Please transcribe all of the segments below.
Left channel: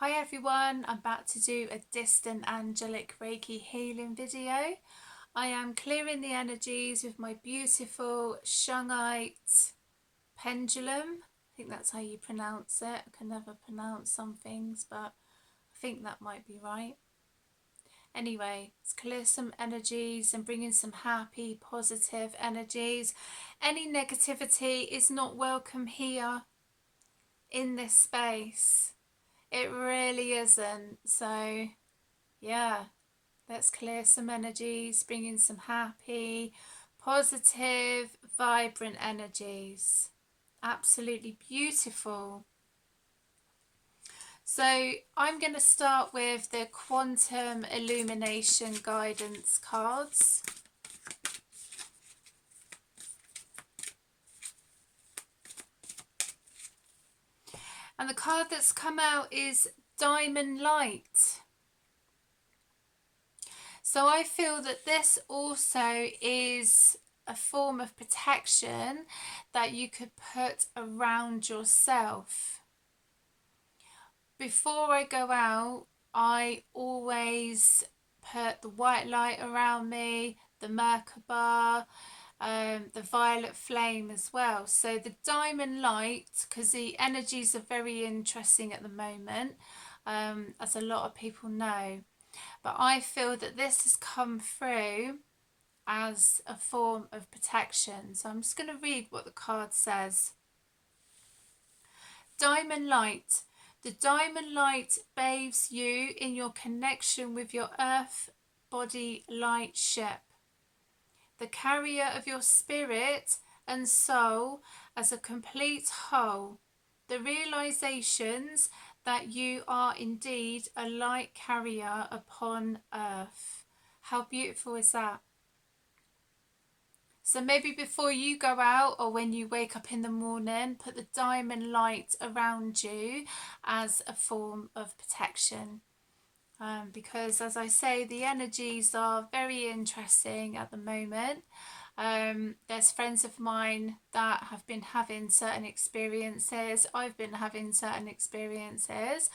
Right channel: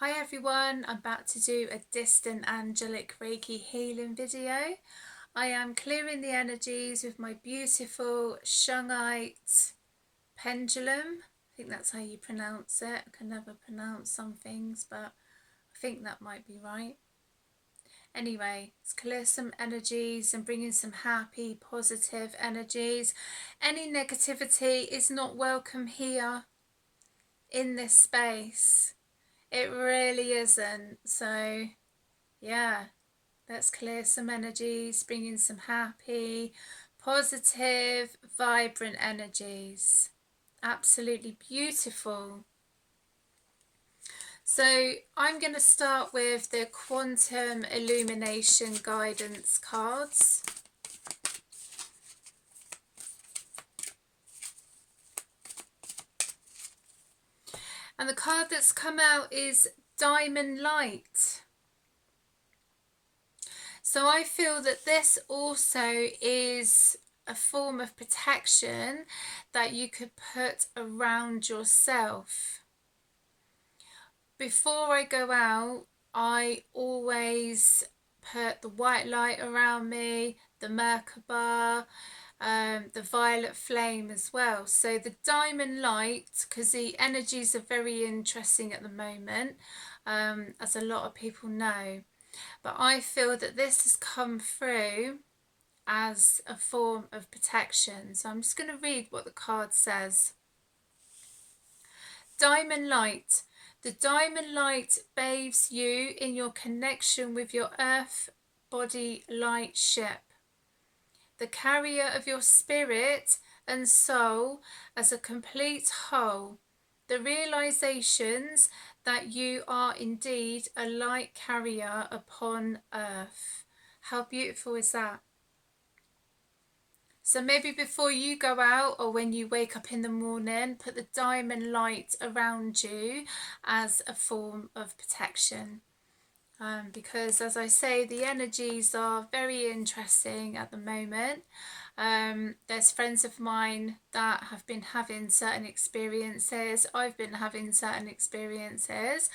Hi everyone, I'm about to do a distant angelic Reiki healing video. I am clearing the energies with my beautiful shungite pendulum. I think that's how you pronounce it. I can never pronounce some things, but I think that might be right. Anyway, let's clear some energies and bring in some happy, positive energies. Any negativity is not welcome here in this space. It really isn't. So yeah, let's clear some energies, bring in some happy, positive, vibrant energies. Absolutely beautiful. So I'm going to start with the Quantum Illumination Guidance cards. And the card that's come out is Diamond Light. So I feel that this also is a form of protection that you could put around yourself. Before I go out, I always put the white light around me, the Merkaba, the violet flame as well. So the diamond light, because the energies are very interesting at the moment, as a lot of people know. But I feel that this has come through as a form of protection. So I'm just going to read what the card says. Diamond light. The diamond light bathes you in your connection with your earth body light ship, the carrier of your spirit and soul as a complete whole. The realizations that you are indeed a light carrier upon earth. How beautiful is that? So maybe before you go out or when you wake up in the morning, put the diamond light around you as a form of protection. Because as I say, the energies are very interesting at the moment. There's friends of mine that have been having certain experiences. I've been having certain experiences.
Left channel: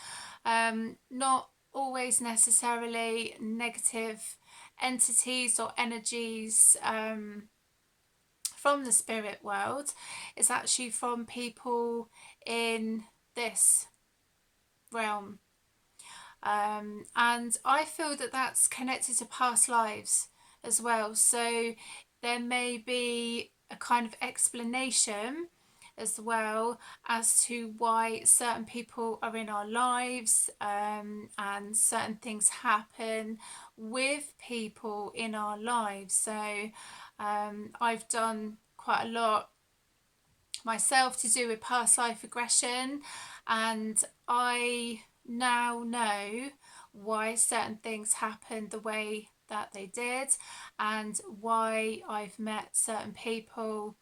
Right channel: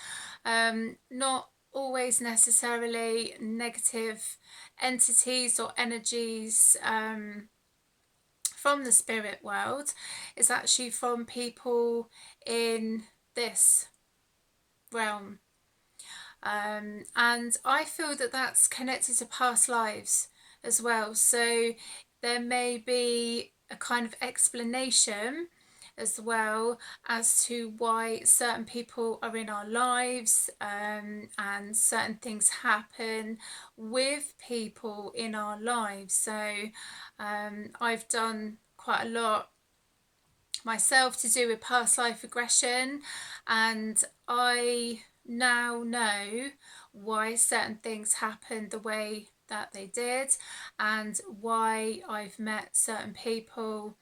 Not always necessarily negative entities or energies from the spirit world. It's actually from people in this realm. And I feel that that's connected to past lives as well. So there may be a kind of explanation as well as to why certain people are in our lives, and certain things happen with people in our lives. So I've done quite a lot myself to do with past life regression, and I now know why certain things happened the way that they did and why I've met certain people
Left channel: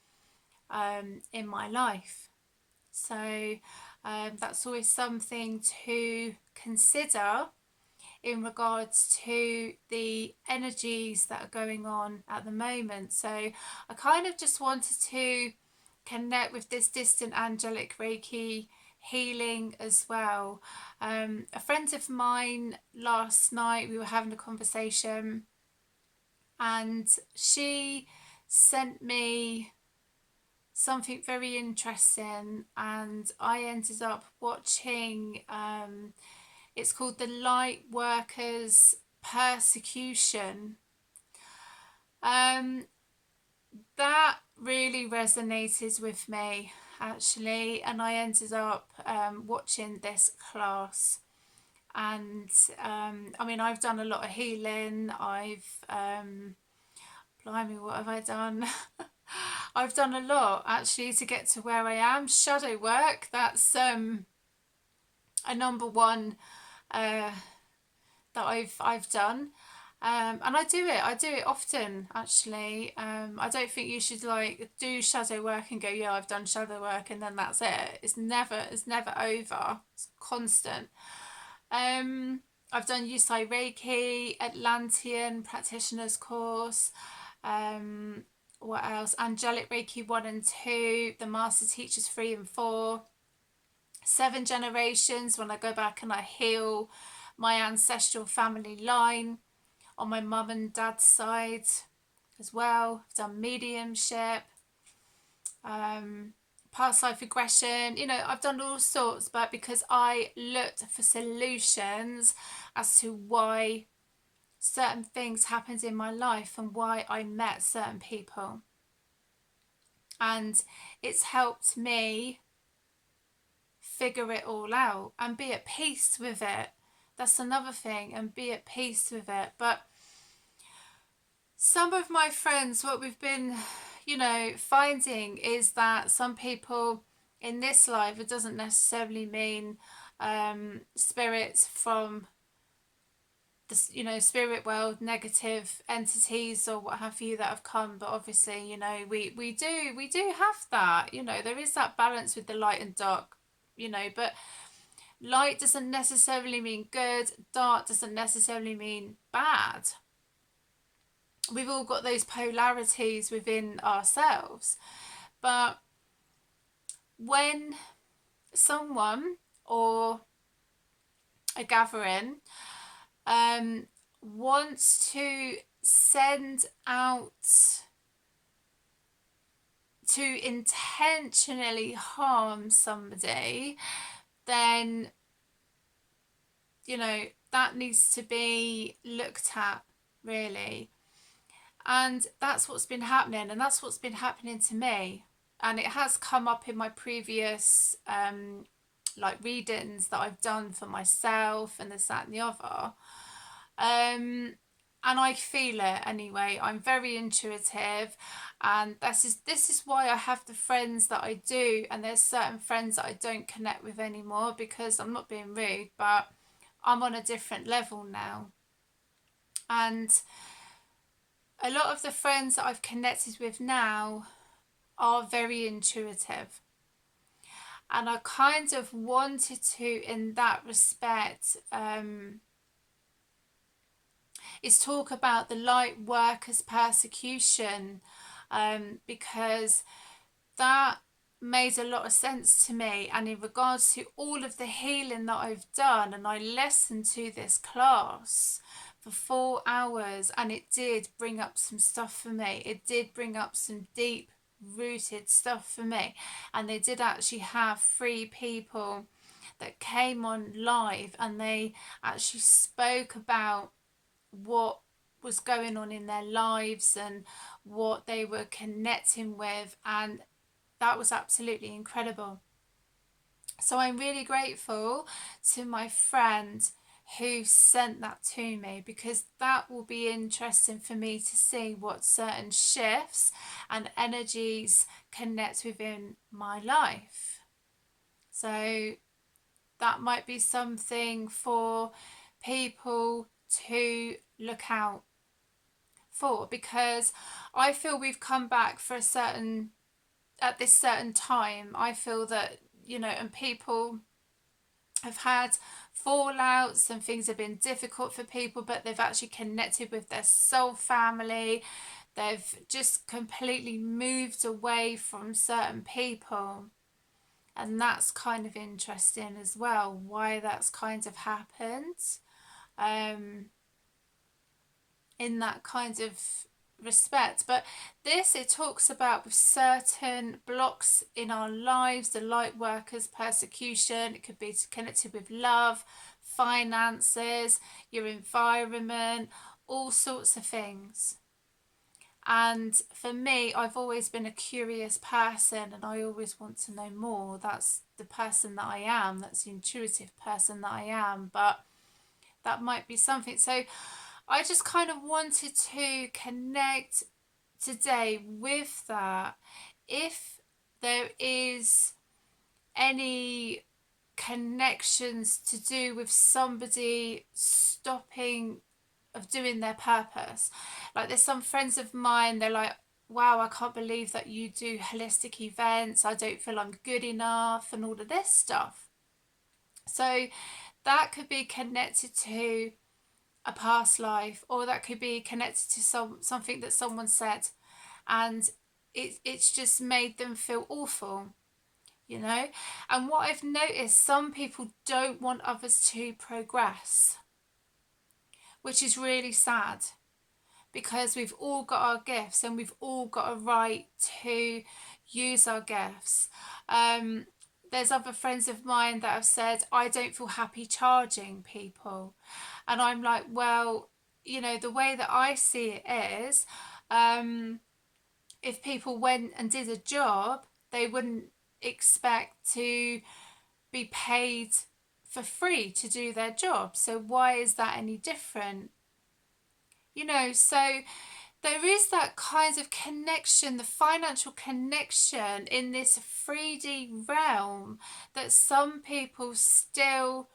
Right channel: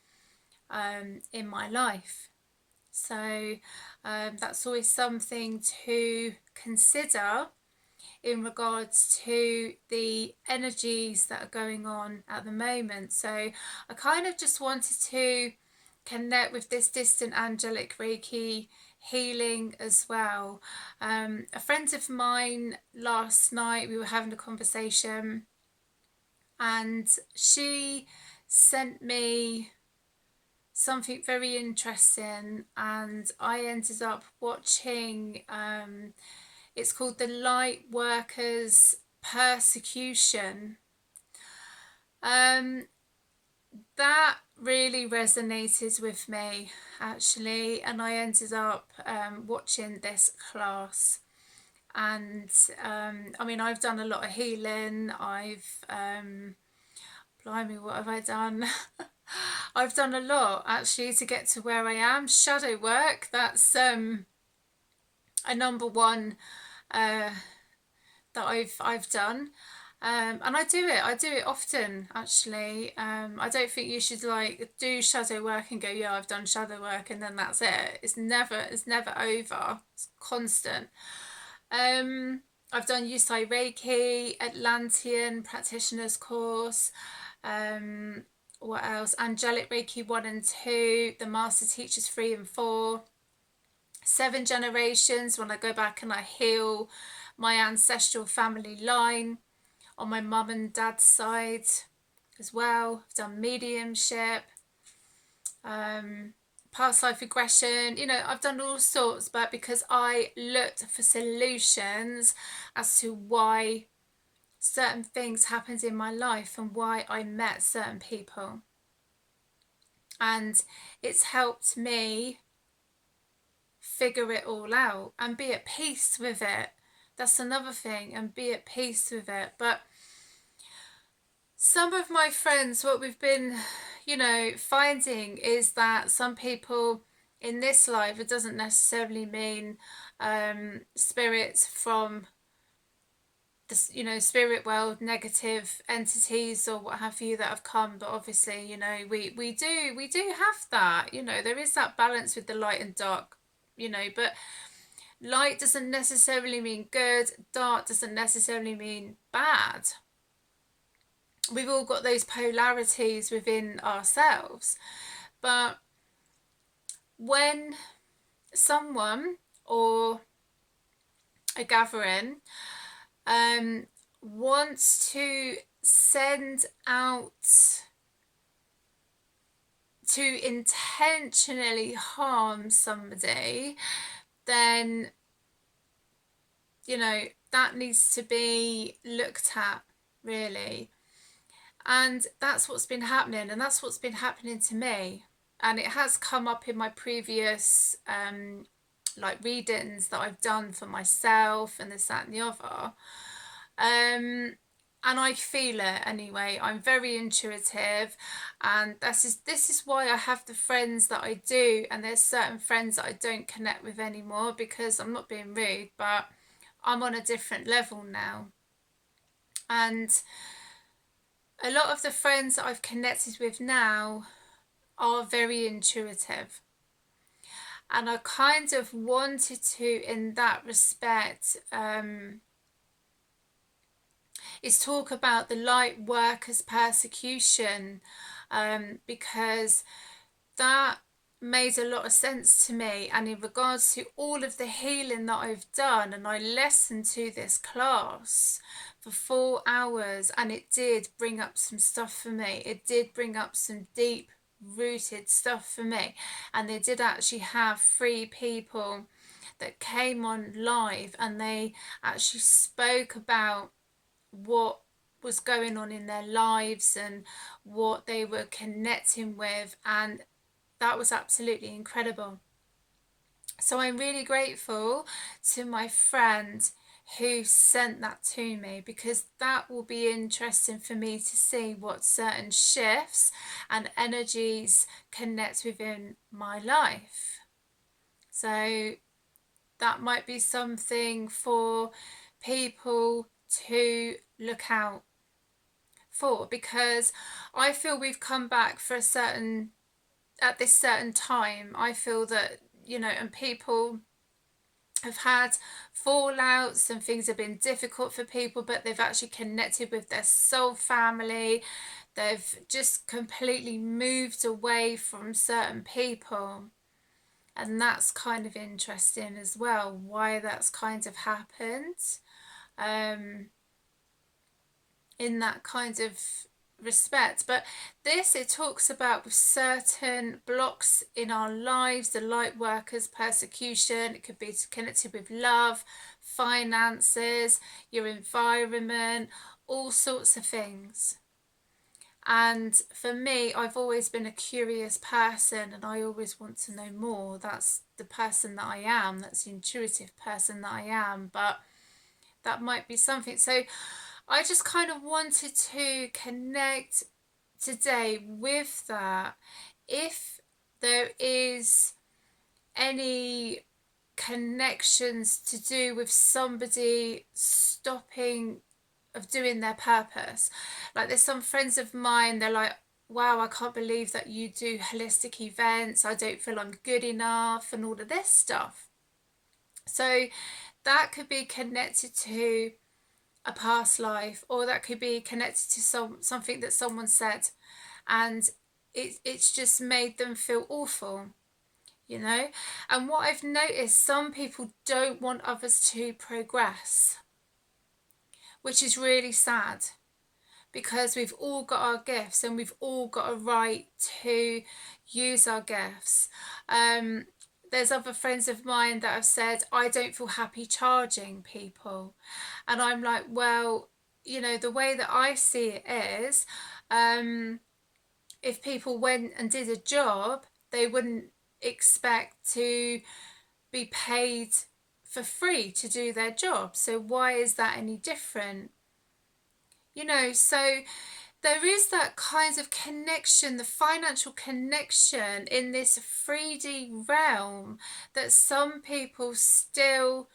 in my life. So that's always something to consider in regards to the energies that are going on at the moment. So I kind of just wanted to connect with this distant angelic Reiki healing as well. A friend of mine last night, we were having a conversation and she sent me something very interesting, and I ended up watching, it's called The Light Workers Persecution. That really resonated with me actually, and I ended up watching this class. And I mean, I've done a lot of healing. Blimey, what have I done? I've done a lot actually to get to where I am. Shadow work, that's a number one that I've done. And I do it often actually. I don't think you should like do shadow work and go, yeah, I've done shadow work and then that's it. It's never over. It's constant. I've done Yusai Reiki, Atlantean practitioners course. What else? Angelic Reiki 1 and 2, the Master Teachers 3 and 4. 7 generations when I go back and I heal my ancestral family line on my mum and dad's side as well. I've done mediumship, past life regression, I've done all sorts, but because I looked for solutions as to why certain things happened in my life and why I met certain people. And it's helped me figure it all out and be at peace with it. That's another thing, and be at peace with it. But some of my friends, what we've been, finding is that some people in this life, it doesn't necessarily mean spirits from the spirit world, negative entities or what have you that have come, but obviously we do have that, there is that balance with the light and dark, but light doesn't necessarily mean good, dark doesn't necessarily mean bad. We've all got those polarities within ourselves. But when someone or a gathering wants to send out to intentionally harm somebody, then that needs to be looked at, really. And that's what's been happening, and that's what's been happening to me. And it has come up in my previous readings that I've done for myself and this, that and the other. And I feel it anyway. I'm very intuitive, and this is why I have the friends that I do, and there's certain friends that I don't connect with anymore, because I'm not being rude, but I'm on a different level now. And a lot of the friends that I've connected with now are very intuitive. And I kind of wanted to, in that respect, is talk about the light workers' persecution, because that made a lot of sense to me. And in regards to all of the healing that I've done, and I listened to this class for 4 hours, and it did bring up some stuff for me. It did bring up some deep rooted stuff for me. And they did actually have 3 people that came on live, and they actually spoke about what was going on in their lives and what they were connecting with, and that was absolutely incredible. So I'm really grateful to my friend who sent that to me, because that will be interesting for me to see what certain shifts and energies connect within my life. So that might be something for people to look out for, because I feel we've come back for at this certain time. I feel that, and people have had fallouts and things have been difficult for people, but they've actually connected with their soul family. They've just completely moved away from certain people. And that's kind of interesting as well, why that's kind of happened. In that kind of respect. But it talks about with certain blocks in our lives, the light workers persecution. It could be connected with love, finances, your environment, all sorts of things. And for me, I've always been a curious person, and I always want to know more. That's the person that I am. That's the intuitive person that I am. But that might be something. So I just kind of wanted to connect today with that. If there is any connections to do with somebody stopping of doing their purpose. Like, there's some friends of mine, they're like, wow, I can't believe that you do holistic events. I don't feel I'm good enough, and all of this stuff. So that could be connected to a past life, or that could be connected to something that someone said, and it's just made them feel awful. you know. And what I've noticed, some people don't want others to progress, which is really sad, because we've all got our gifts and we've all got a right to use our gifts. There's other friends of mine that have said, I don't feel happy charging people. And I'm like, well, you know, the way that I see it is, if people went and did a job, they wouldn't expect to be paid for free to do their job. So why is that any different? You know, so there is that kind of connection, the financial connection in this 3D realm that some people still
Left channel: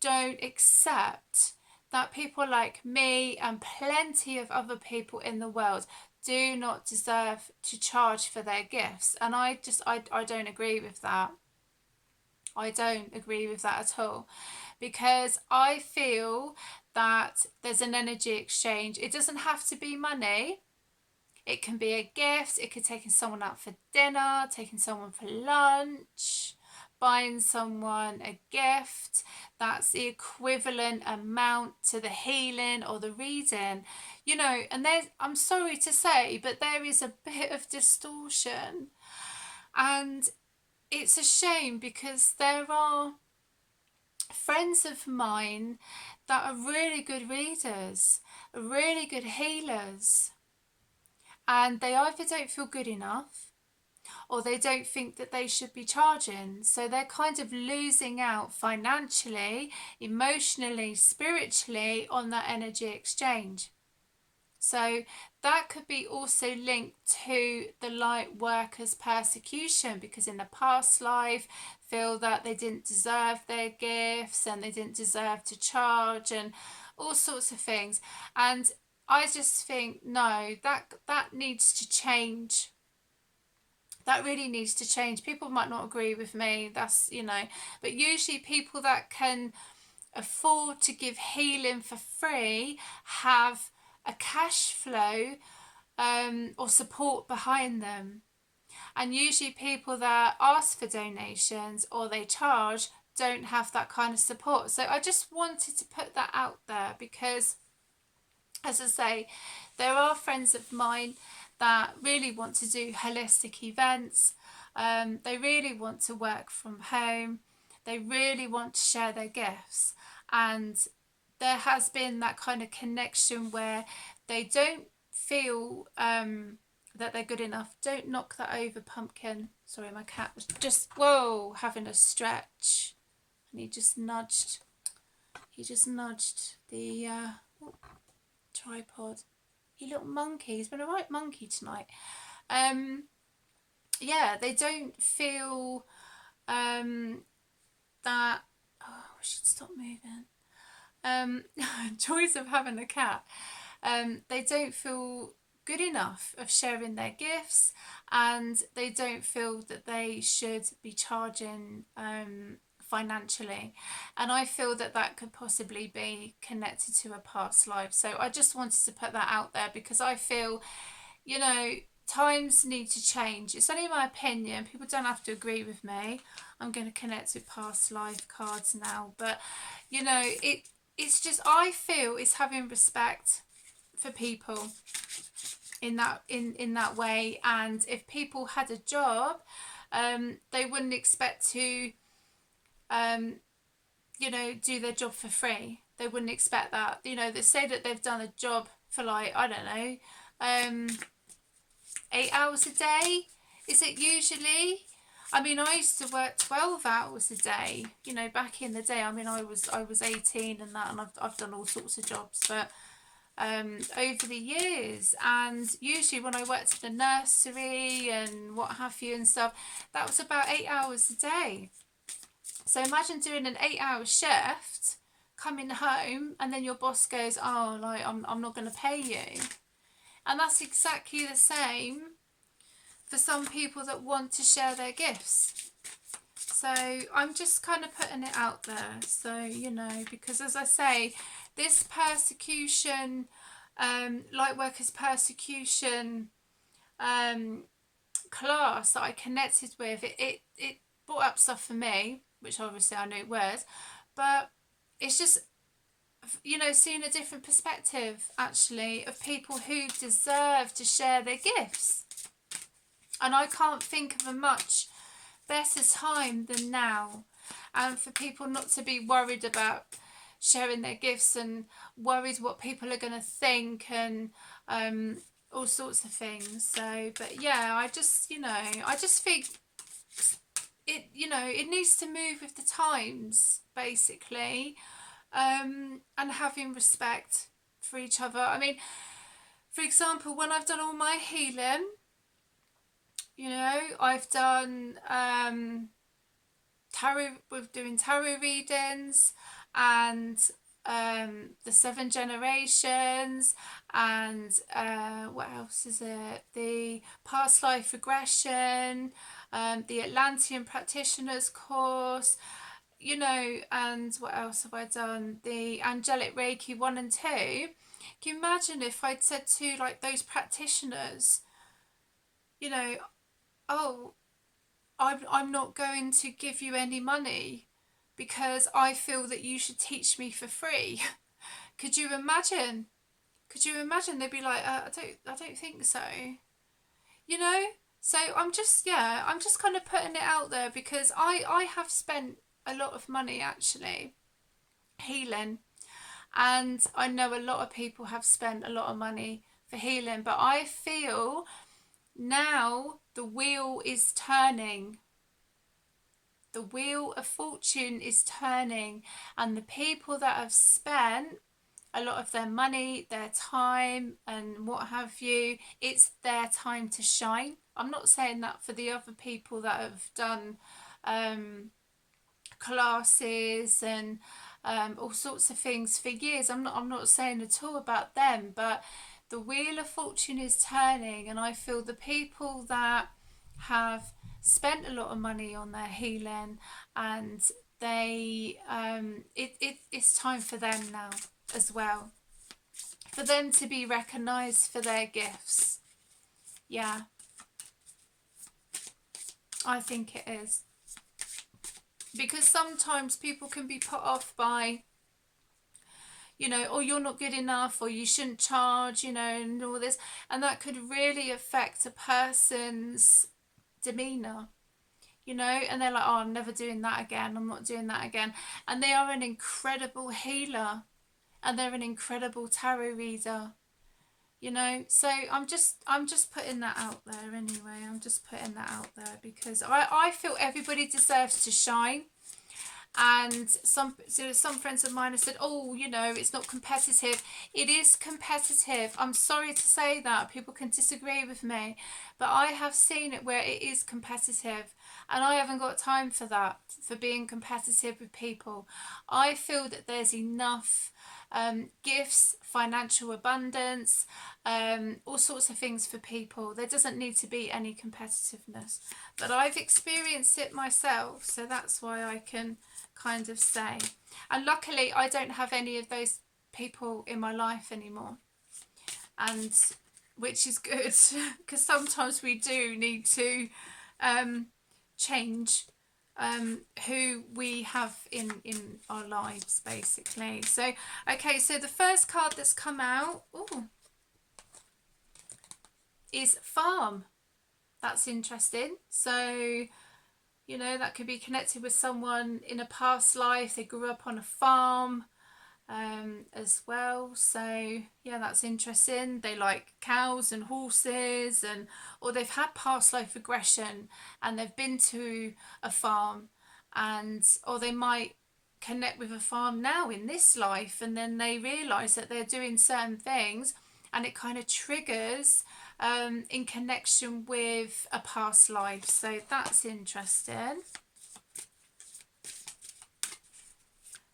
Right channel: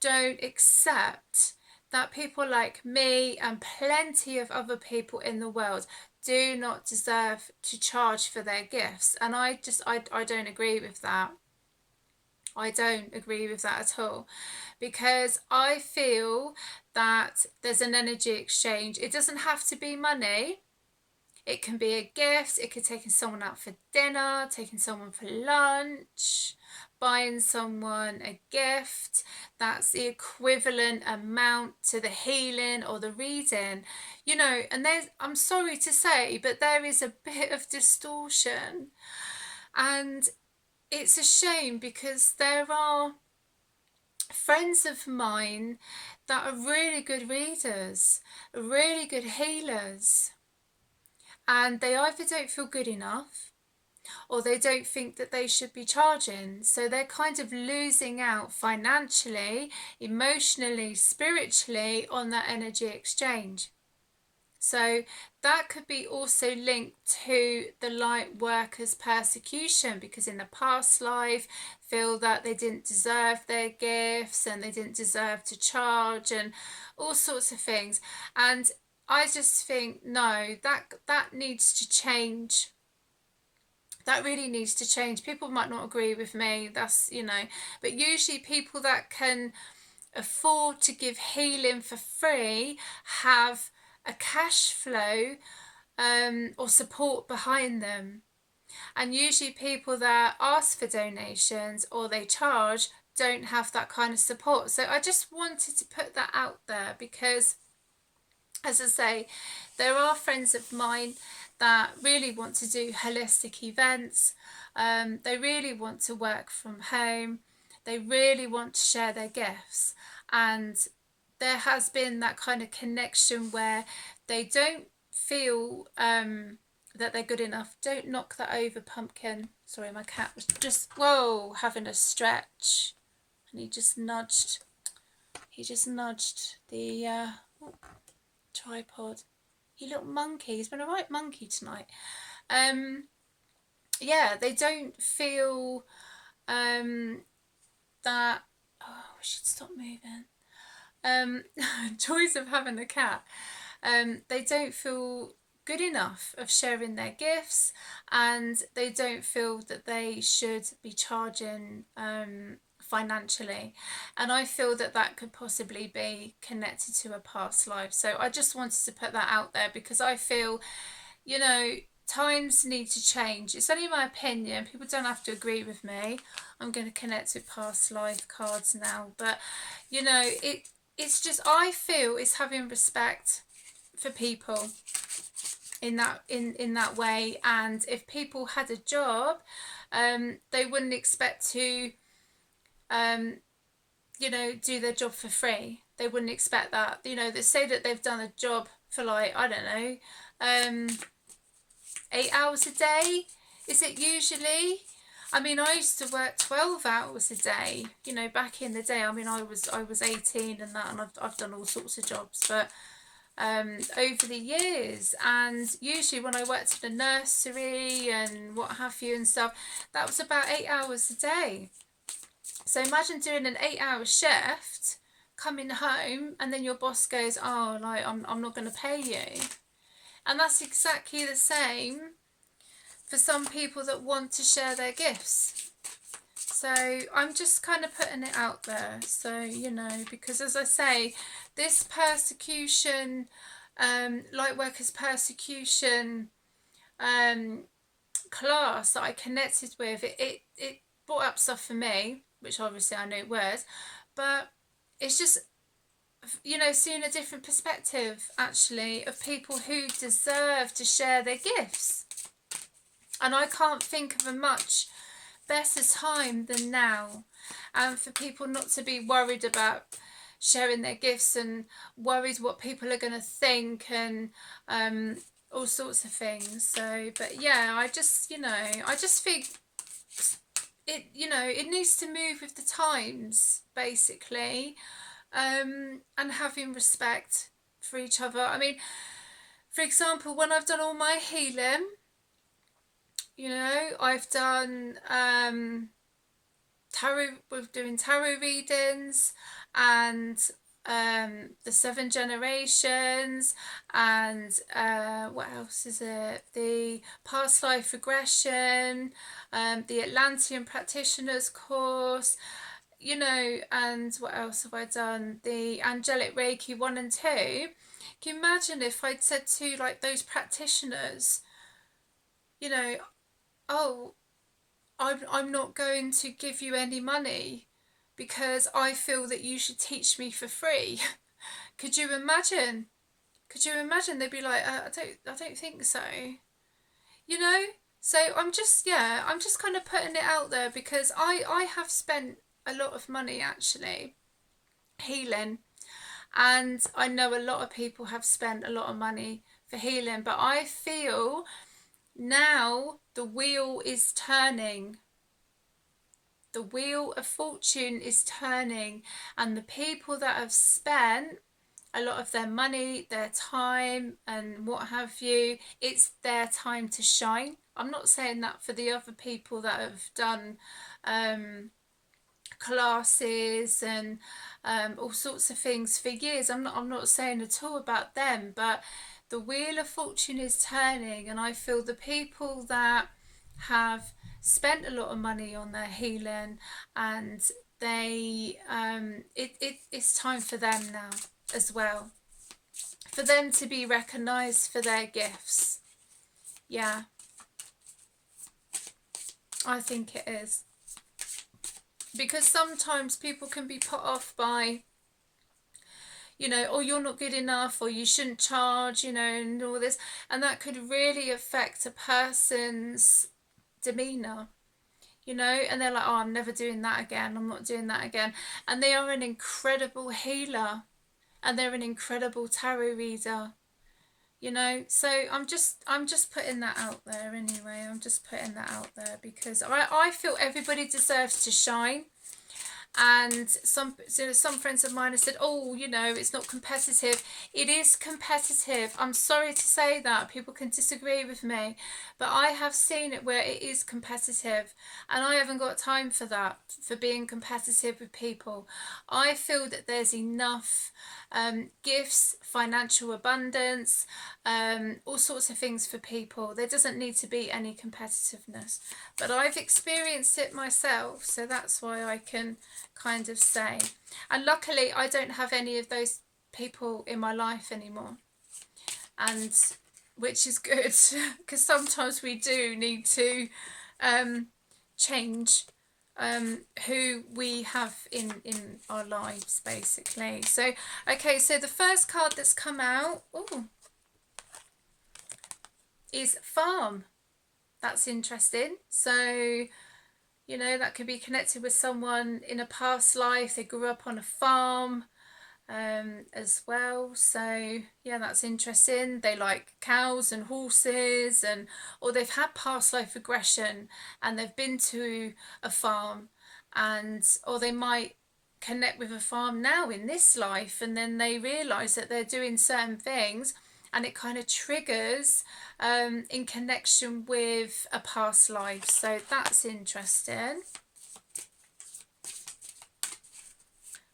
don't accept, that people like me and plenty of other people in the world do not deserve to charge for their gifts. And I don't agree with that. I don't agree with that at all, because I feel that there's an energy exchange. It doesn't have to be money. It can be a gift. It could taking someone out for dinner, taking someone for lunch, buying someone a gift that's the equivalent amount to the healing or the reading, you know. And there's, I'm sorry to say, but there is a bit of distortion, and it's a shame, because there are friends of mine that are really good readers, really good healers, and they either don't feel good enough or they don't think that they should be charging. So they're kind of losing out financially, emotionally, spiritually on that energy exchange. So that could be also linked to the light workers' persecution, because in the past life feel that they didn't deserve their gifts and they didn't deserve to charge and all sorts of things. And I just think, no, that needs to change. That really needs to change. People might not agree with me, that's, you know, but usually people that can afford to give healing for free have a cash flow or support behind them. And usually people that ask for donations or they charge don't have that kind of support. So I just wanted to put that out there, because, as I say, there are friends of mine that really want to do holistic events. They really want to work from home. They really want to share their gifts. And there has been that kind of connection where they don't feel that they're good enough. Don't knock that over, Pumpkin. Sorry, my cat was just, whoa, having a stretch. And he just nudged the tripod. You little monkey. He's been a right monkey tonight. Yeah, they don't feel that, oh, we should stop moving. Joys of having a cat. They don't feel good enough of sharing their gifts, and they don't feel that they should be charging financially. And I feel that that could possibly be connected to a past life. So I just wanted to put that out there, because I feel, you know, times need to change. It's only my opinion. People don't have to agree with me. I'm going to connect with past life cards now. But, you know, it's just, I feel it's having respect for people in that way. And if people had a job, they wouldn't expect to you know, do their job for free. They wouldn't expect that. You know, they say that they've done a job for, like, I don't know, 8 hours a day. Is it usually? I mean, I used to work 12 hours a day, you know, back in the day. I mean, I was 18 and that, and I've done all sorts of jobs, but over the years. And usually when I worked in a nursery and what have you and stuff, that was about 8 hours a day. So imagine doing an 8-hour shift, coming home, and then your boss goes, oh, like, I'm not going to pay you. And that's exactly the same for some people that want to share their gifts. So I'm just kind of putting it out there. So, you know, because as I say, this persecution, light workers persecution class that I connected with, it brought up stuff for me, which obviously I know it was, but it's just, you know, seeing a different perspective actually of people who deserve to share their gifts. And I can't think of a much better time than now, and for people not to be worried about sharing their gifts and worried what people are going to think, and all sorts of things. So, but yeah, I just, you know, I just think it, you know, it needs to move with the times, basically, and having respect for each other. I mean, for example, when I've done all my healing, you know, I've done tarot, we're doing tarot readings, and the 7 generations, and what else is it, the past life regression, the Atlantean practitioners course, you know, and what else have I done, the Angelic Reiki 1 and 2. Can you imagine if I'd said to like those practitioners, you know, oh, I'm not going to give you any money because I feel that you should teach me for free. Could you imagine? Could you imagine? They'd be like, I don't think so. You know? So I'm just kind of putting it out there, because I have spent a lot of money actually healing, and I know a lot of people have spent a lot of money for healing, but I feel now the wheel is turning. The wheel of fortune is turning, and the people that have spent a lot of their money, their time, and what have you, it's their time to shine. I'm not saying that for the other people that have done classes and all sorts of things for years. I'm not saying at all about them, but the wheel of fortune is turning, and I feel the people that have spent a lot of money on their healing, and they it's time for them now as well, for them to be recognized for their gifts. Yeah, I think it is, because sometimes people can be put off by, you know, oh, you're not good enough, or you shouldn't charge, you know, and all this, and that could really affect a person's demeanor, you know, and they're like, oh, I'm never doing that again, I'm not doing that again. And they are an incredible healer, and they're an incredible tarot reader, you know. So I'm just putting that out there anyway. I'm just putting that out there because I feel everybody deserves to shine. And some friends of mine have said, oh, you know, it's not competitive. It is competitive. I'm sorry to say that. People can disagree with me, but I have seen it where it is competitive, and I haven't got time for that, for being competitive with people. I feel that there's enough gifts, financial abundance, all sorts of things for people. There doesn't need to be any competitiveness, but I've experienced it myself, so that's why I can kind of say. And luckily I don't have any of those people in my life anymore, and which is good, because sometimes we do need to change who we have in our lives, basically. So okay, so the first card that's come out is farm. That's interesting. So, you know, that could be connected with someone in a past life. They grew up on a farm as well. So yeah, that's interesting. They like cows and horses, and or they've had past life regression and they've been to a farm, and or they might connect with a farm now in this life, and then they realize that they're doing certain things, and it kind of triggers in connection with a past life. So that's interesting.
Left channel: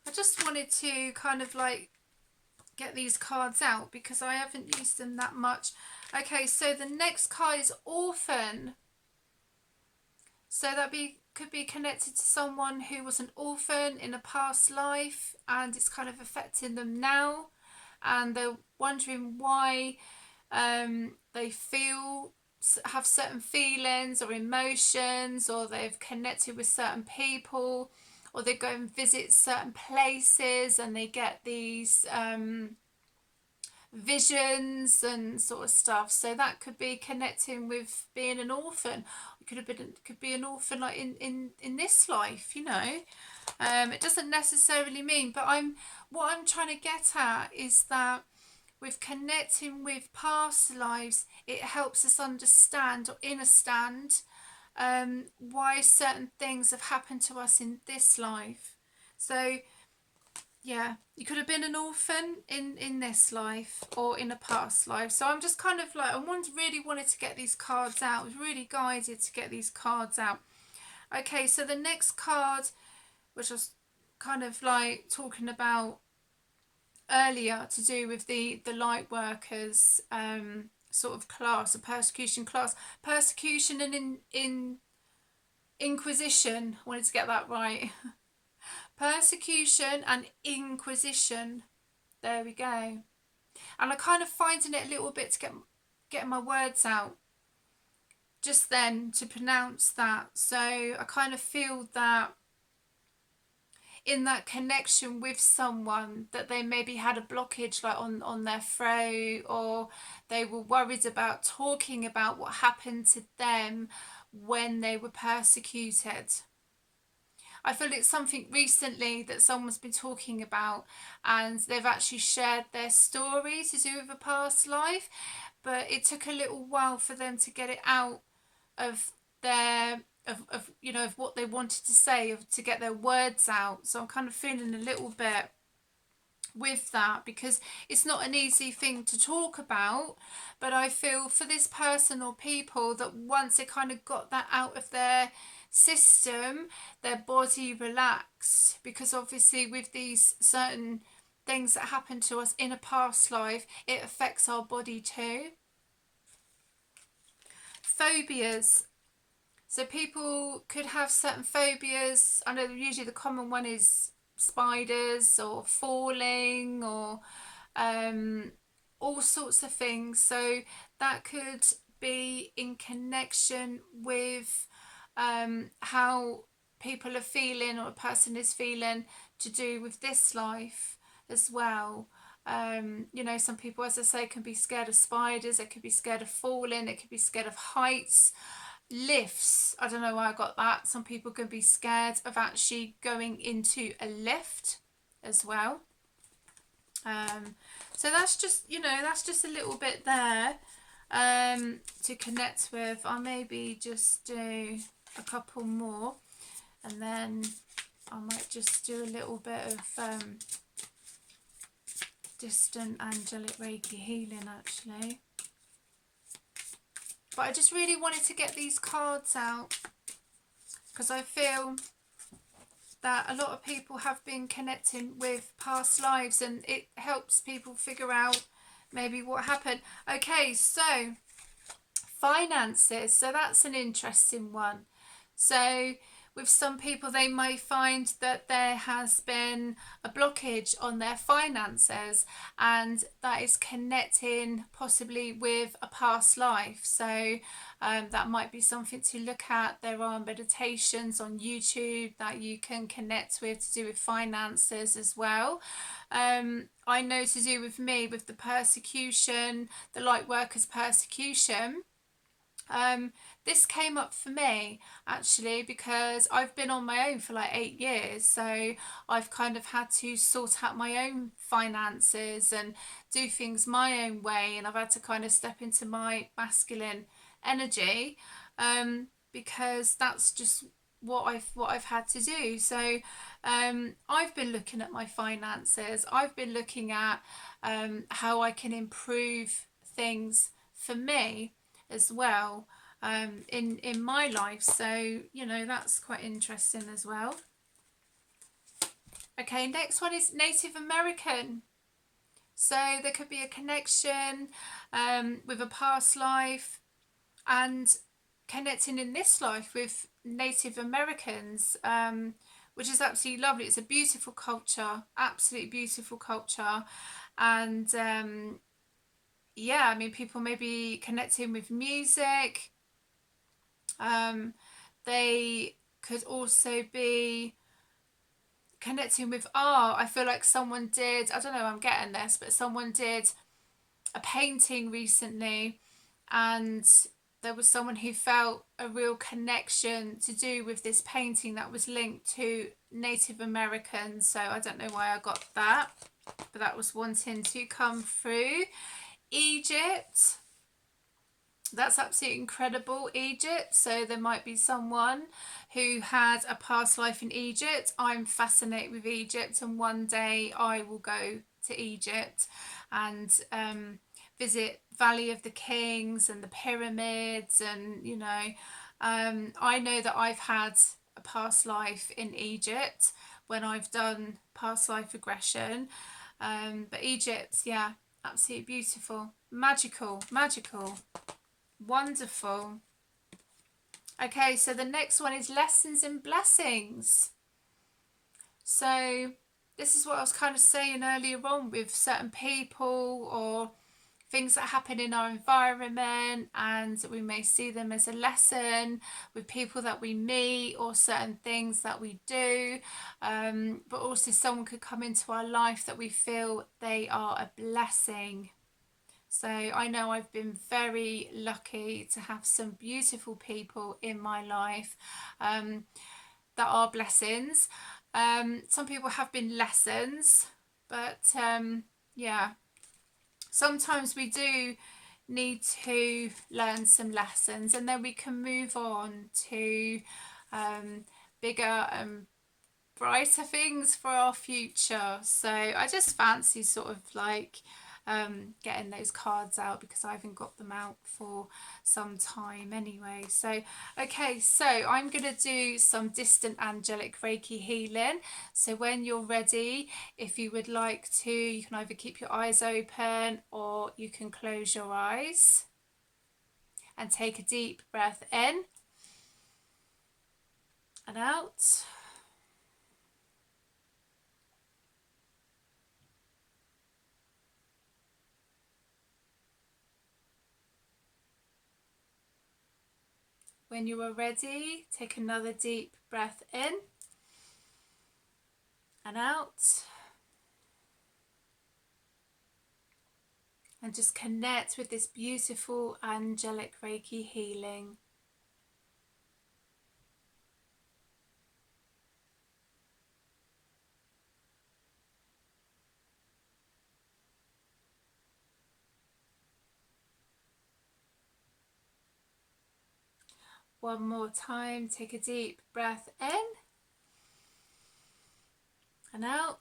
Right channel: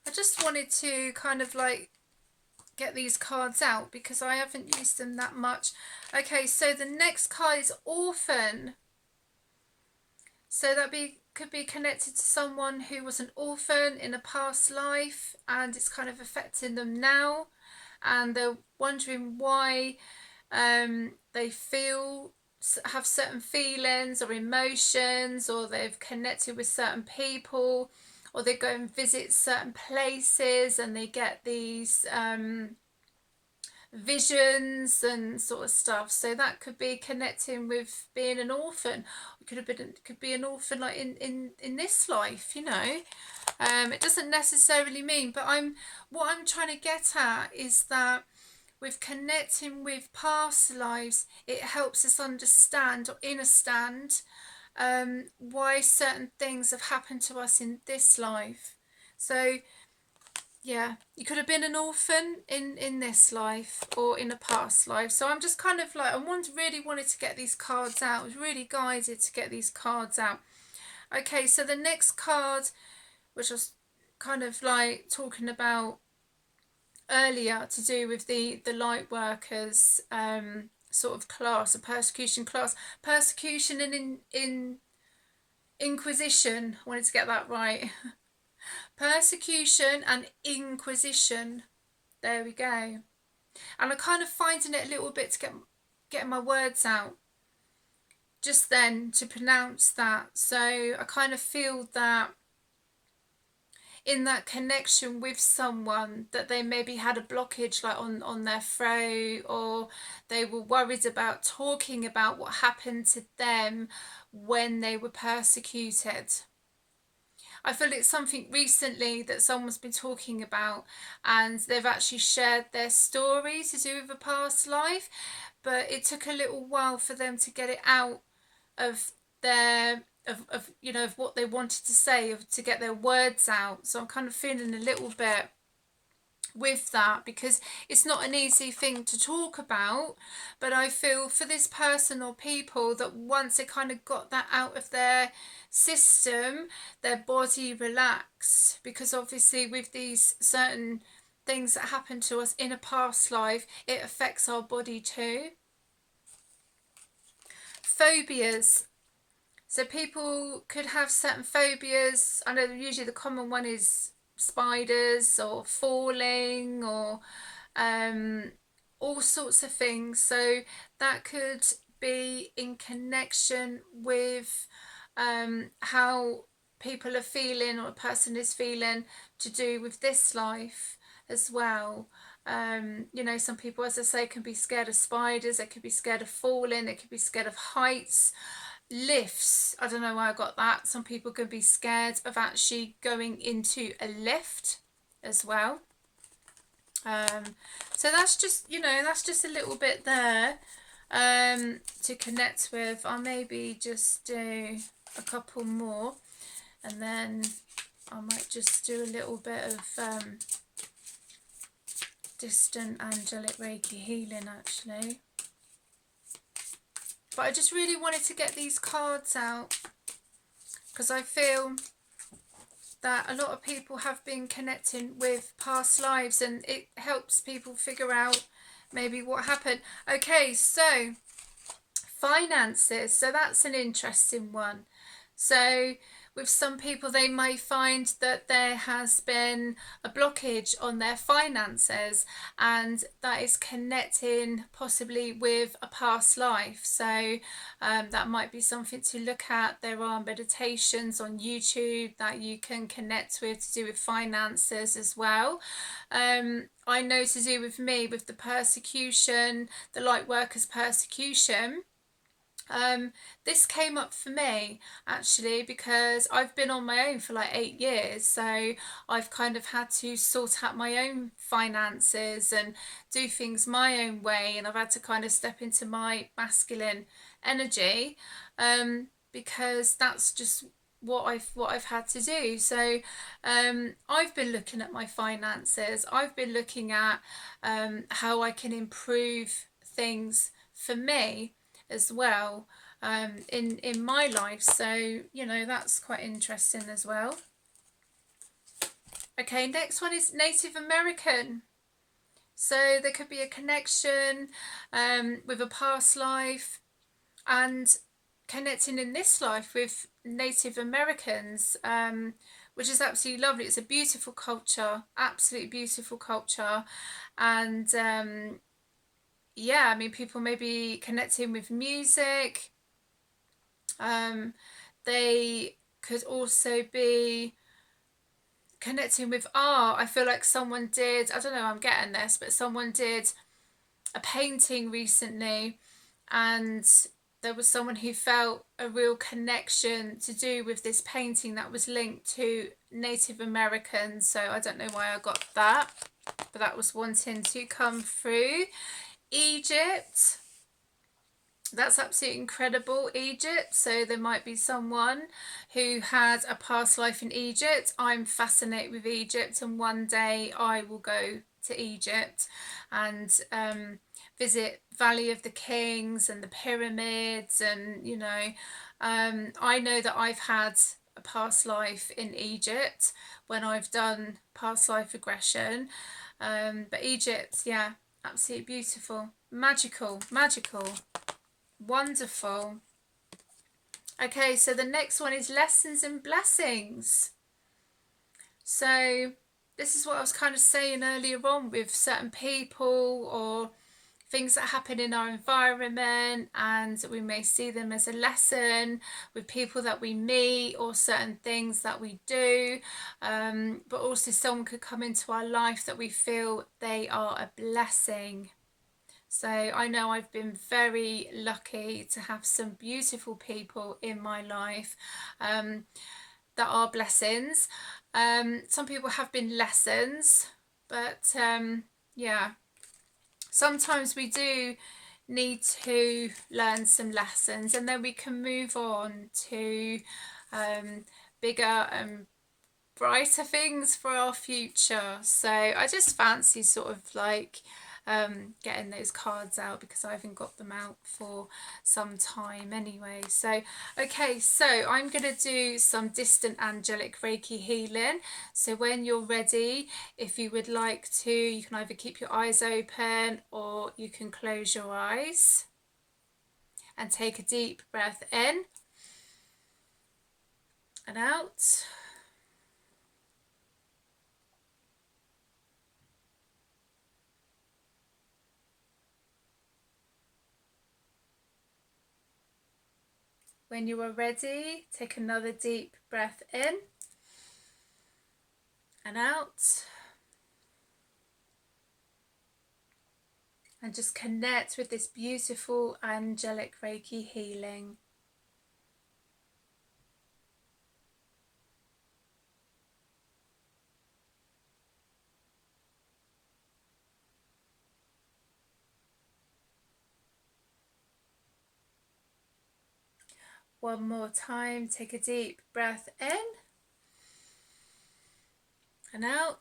I just wanted to kind of like get these cards out because I haven't used them that much. Okay, so the next card is orphan. So that could be connected to someone who was an orphan in a past life, and it's kind of affecting them now, and they're wondering why they feel have certain feelings or emotions, or they've connected with certain people, or they go and visit certain places and they get these visions and sort of stuff. So that could be connecting with being an orphan. It could be an orphan like in this life, you know. It doesn't necessarily mean, but what I'm trying to get at is that with connecting with past lives, it helps us understand or understand why certain things have happened to us in this life. So yeah, you could have been an orphan in this life or in a past life. So I'm just kind of like, really wanted to get these cards out. I was really guided to get these cards out. Okay, so the next card, which I was kind of like talking about earlier, to do with the light workers sort of class, a persecution class, persecution and in inquisition. I wanted to get that right. Persecution and inquisition. There we go. And I'm kind of finding it a little bit to get my words out just then to pronounce that. So I kind of feel that in that connection with someone, that they maybe had a blockage like on their throat, or they were worried about talking about what happened to them when they were persecuted. I feel it's something recently that someone's been talking about, and they've actually shared their story to do with a past life, but it took a little while for them to get it out of their of you know, of what they wanted to say, to get their words out. So I'm kind of feeling a little bit with that, because it's not an easy thing to talk about, but I feel for this person or people that once they kind of got that out of their system, their body relaxed, because obviously with these certain things that happen to us in a past life, it affects our body too. Phobias. So people could have certain phobias. I know usually the common one is spiders or falling, or all sorts of things. So that could be in connection with how people are feeling, or a person is feeling, to do with this life as well. You know, some people, as I say, can be scared of spiders, they could be scared of falling, they could be scared of heights. Lifts, I don't know why I got that. Some people can be scared of actually going into a lift as well. So that's just, you know, that's just a little bit there to connect with. I'll maybe just do a couple more, and then I might just do a little bit of distant angelic Reiki healing actually. But I just really wanted to get these cards out, because I feel that a lot of people have been connecting with past lives, and it helps people figure out maybe what happened. Okay, so finances. So that's an interesting one. So with some people, they may find that there has been a blockage on their finances, and that is connecting possibly with a past life. So that might be something to look at. There are meditations on YouTube that you can connect with to do with finances as well. I know to do with me, with the persecution, the light workers persecution, this came up for me actually because I've been on my own for like 8 years, so I've kind of had to sort out my own finances and do things my own way, and I've had to kind of step into my masculine energy, because that's just what I've had to do. So I've been looking at my finances. I've been looking at how I can improve things for me as well, in my life. So you know, that's quite interesting as well. Okay, next one is Native American. So there could be a connection with a past life, and connecting in this life with Native Americans, which is absolutely lovely. It's a beautiful culture, absolutely beautiful culture, and yeah, I mean, people may be connecting with music. They could also be connecting with art. I feel like someone did, I don't know, I'm getting this, but someone did a painting recently, and there was someone who felt a real connection to do with this painting that was linked to Native Americans. So I don't know why I got that, but that was wanting to come through. Egypt, that's absolutely incredible. Egypt, so there might be someone who had a past life in Egypt. I'm fascinated with Egypt, and one day I will go to Egypt and visit Valley of the Kings and the pyramids, and I know that I've had a past life in Egypt when I've done past life regression. But Egypt, yeah, absolutely beautiful, magical. Wonderful. Okay, so the next one is lessons and blessings. So this is what I was kind of saying earlier on with certain people or things that happen in our environment, and we may see them as a lesson with people that we meet or certain things that we do, but also someone could come into our life that we feel they are a blessing. So I know I've been very lucky to have some beautiful people in my life that are blessings. Some people have been lessons, but yeah, sometimes we do need to learn some lessons, and then we can move on to bigger and brighter things for our future. So I just fancy sort of like getting those cards out, because I haven't got them out for some time anyway. So okay, so I'm gonna do some distant angelic Reiki healing. So when you're ready, if you would like to, you can either keep your eyes open or you can close your eyes and take a deep breath in and out. When you are ready, take another deep breath in and out. And just connect with this beautiful angelic Reiki healing. One more time, take a deep breath in and out.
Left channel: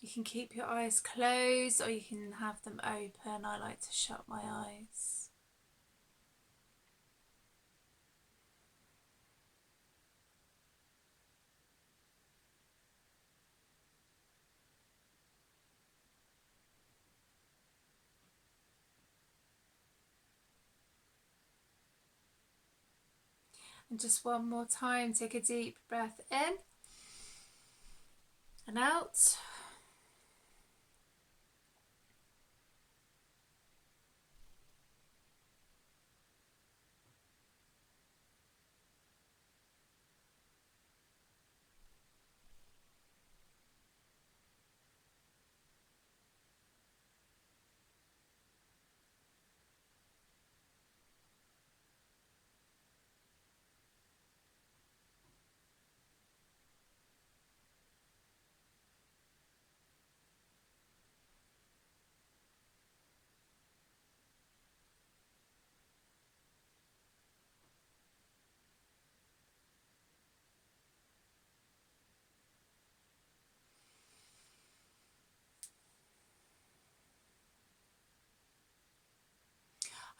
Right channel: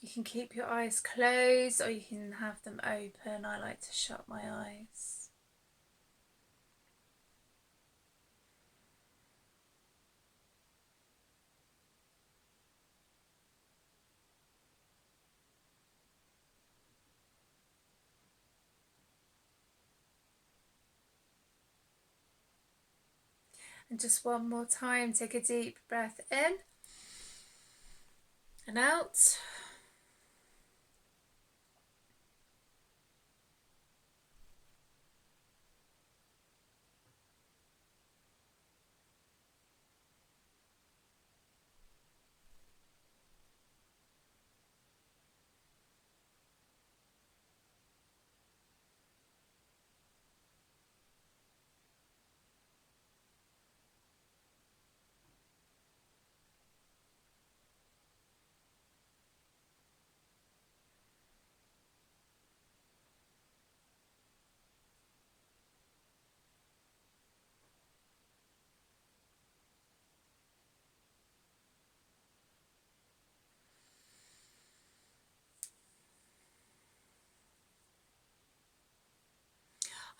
You can keep your eyes closed or you can have them open. I like to shut my eyes. And just one more time, take a deep breath in and out.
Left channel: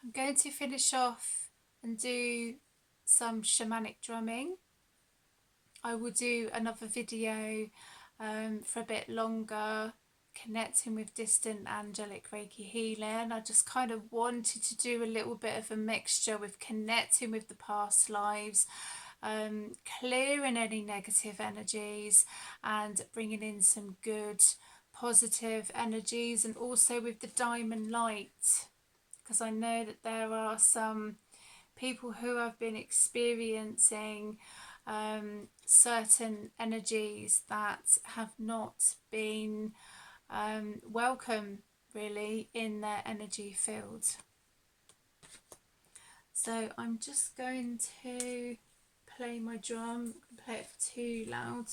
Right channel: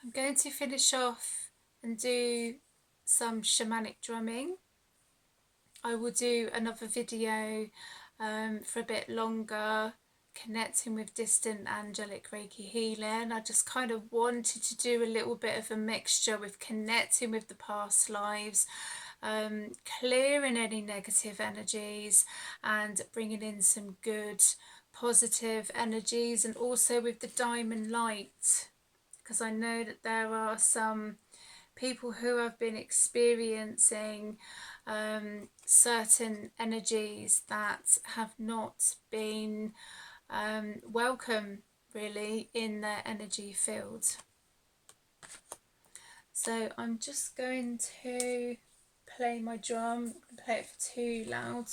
I'm going to finish off and do some shamanic drumming. I will do another video for a bit longer, connecting with distant angelic Reiki healing. I just kind of wanted to do a little bit of a mixture with connecting with the past lives, clearing any negative energies and bringing in some good positive energies. And also with the diamond light, because I know that there are some people who have been experiencing certain energies that have not been welcome really in their energy field. So I'm just going to play my drum. I play it for too loud.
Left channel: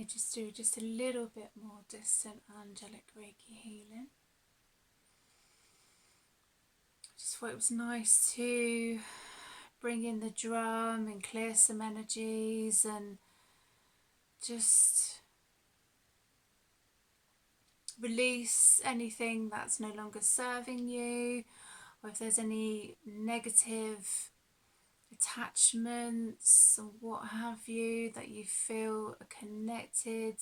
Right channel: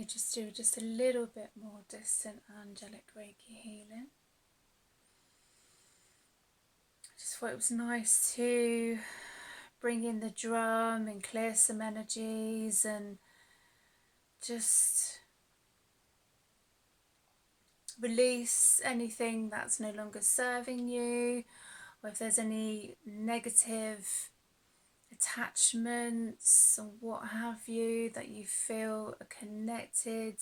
I just do just a little bit more distant angelic Reiki healing. Just thought it was nice to bring in the drum and clear some energies and just release anything that's no longer serving you, or if there's any negative attachments or what have you that you feel are connected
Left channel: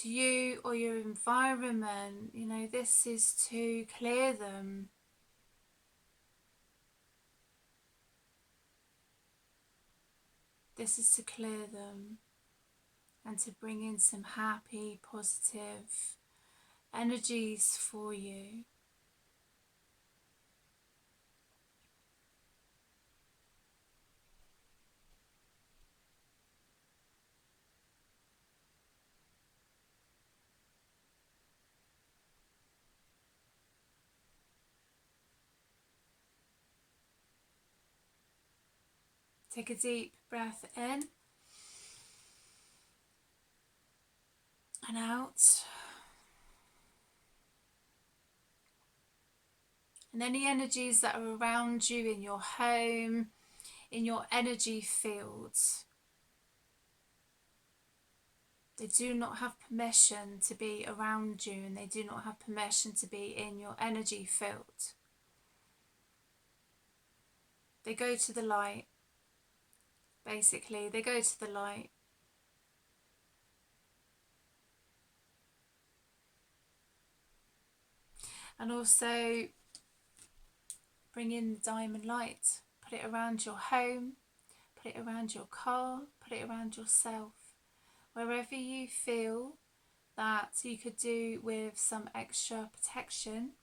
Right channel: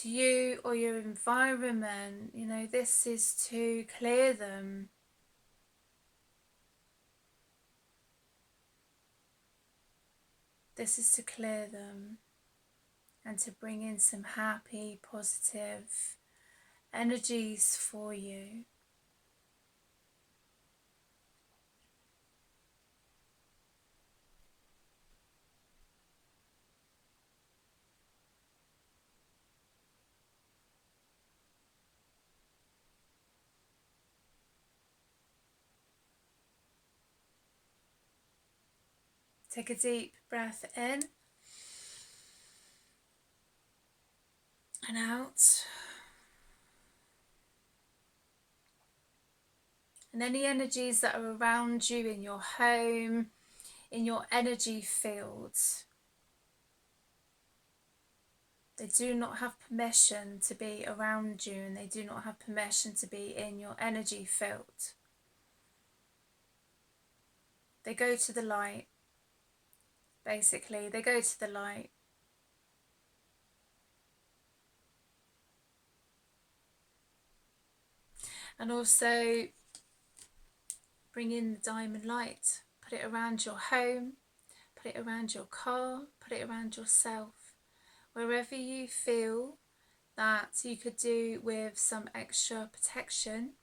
to you or your environment. You know, this is to clear them. This is to clear them and to bring in some happy, positive energies for you. Take a deep breath in and out. And any energies that are around you in your home, in your energy fields, they do not have permission to be around you, and they do not have permission to be in your energy field. They go to the light. Basically, they go to the light. And also bring in the diamond light. Put it around your home, put it around your car, put it around yourself. Wherever you feel that you could do with some extra protection,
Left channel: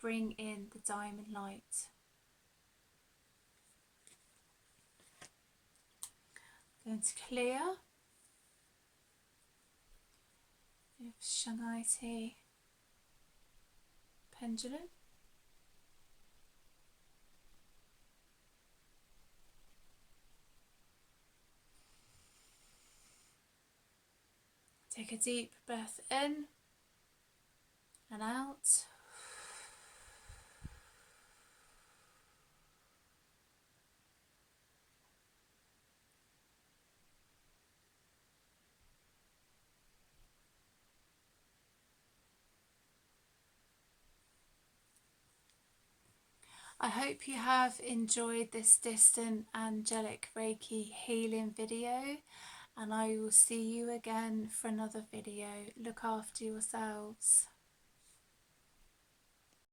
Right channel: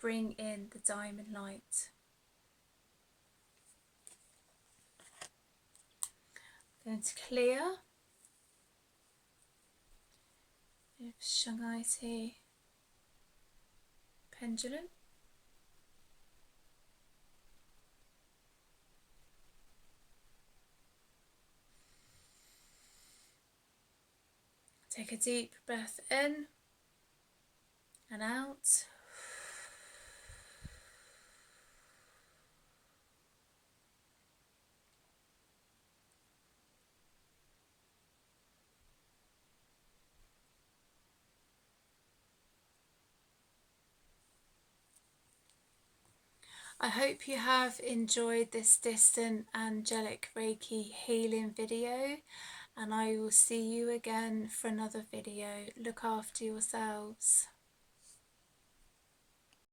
bring in the diamond light. I'm going to clear with Shanghai tea pendulum. Take a deep breath in and out. I hope you have enjoyed this distant angelic Reiki healing video, and I will see you again for another video. Look after yourselves.